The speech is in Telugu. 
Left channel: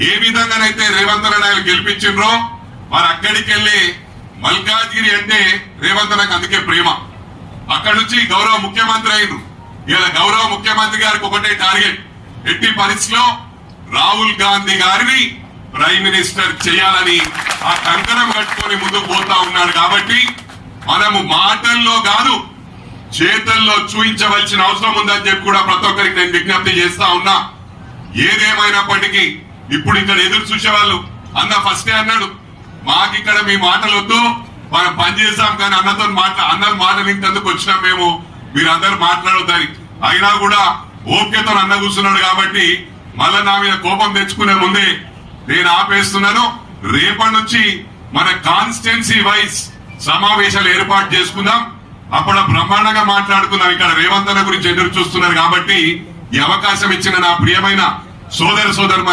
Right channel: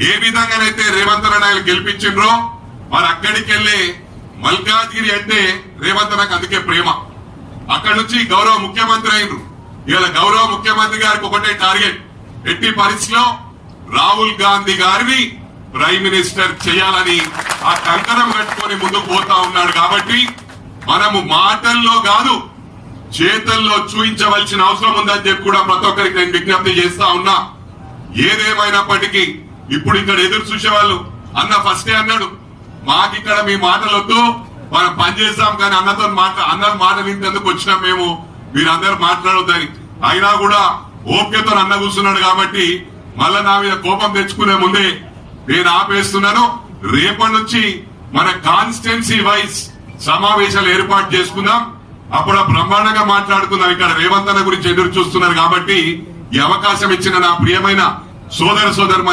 ఏ విధంగానైతే రేవంత్ రెడ్డి గెలిపించిండ్రో మరి అక్కడికి వెళ్లి మల్కాజ్గిరి అంటే రేవంత్ నాకు అందుకే ప్రేమ. అక్కడి నుంచి గౌరవ ముఖ్యమంత్రి అయిన ఇలా గౌరవ ముఖ్యమంత్రి గారికి ఒకటే టార్గెట్, ఎట్టి పరిస్థితిలో రాహుల్ గాంధీ గారిని ప్రైమ్ మినిస్టర్ చేయాలని ఆ కంకణం కట్టుకొని ముందుకు పోతా ఉన్నాడు. కాబట్టి మనము మాటల్లో కాదు చేతల్లో చూపించవలసిన అవసరం ఉందని చెప్పి కూడా ప్రతి ఒక్కరికి నేను విజ్ఞప్తి చేస్తా ఉన్నా. ఏదేమైనప్పటికీ ఇప్పుడు ఇక్కడ ఎదురు చూసేవాళ్ళు అన్న ఫస్టే అన్నాడు, మాకు ఇక్కడ మీ మాటలొద్దు, మనం పనిచేస్తాం కానీ అన్నతో అందరు మాట వింటేందుకు వచ్చినాం మేము, మీరందరూ మాట్లాడొద్దని. అయినా కూడా ఓపికతో అన్న కూర్చున్నాడు. కాబట్టి మళ్ళా నా మీద కోపం తెచ్చుకునే ముందే నేను ఆపేస్తున్నాను. రేపటి నుంచి మన కాన్స్టిట్యున్సీ వైజ్ సమావేశాలు ఏర్పాటు చేసుకుందాం. అప్పుడు బ్రహ్మాండంగా మాట్లాడుతున్నాం. ఇక్కడ రేవంత్ అన్న గురించి ఎదురు చూస్తున్నారు. కాబట్టి ఈ అవకాశం ఇచ్చిన నా ప్రియమైన సోదర సోదరులకు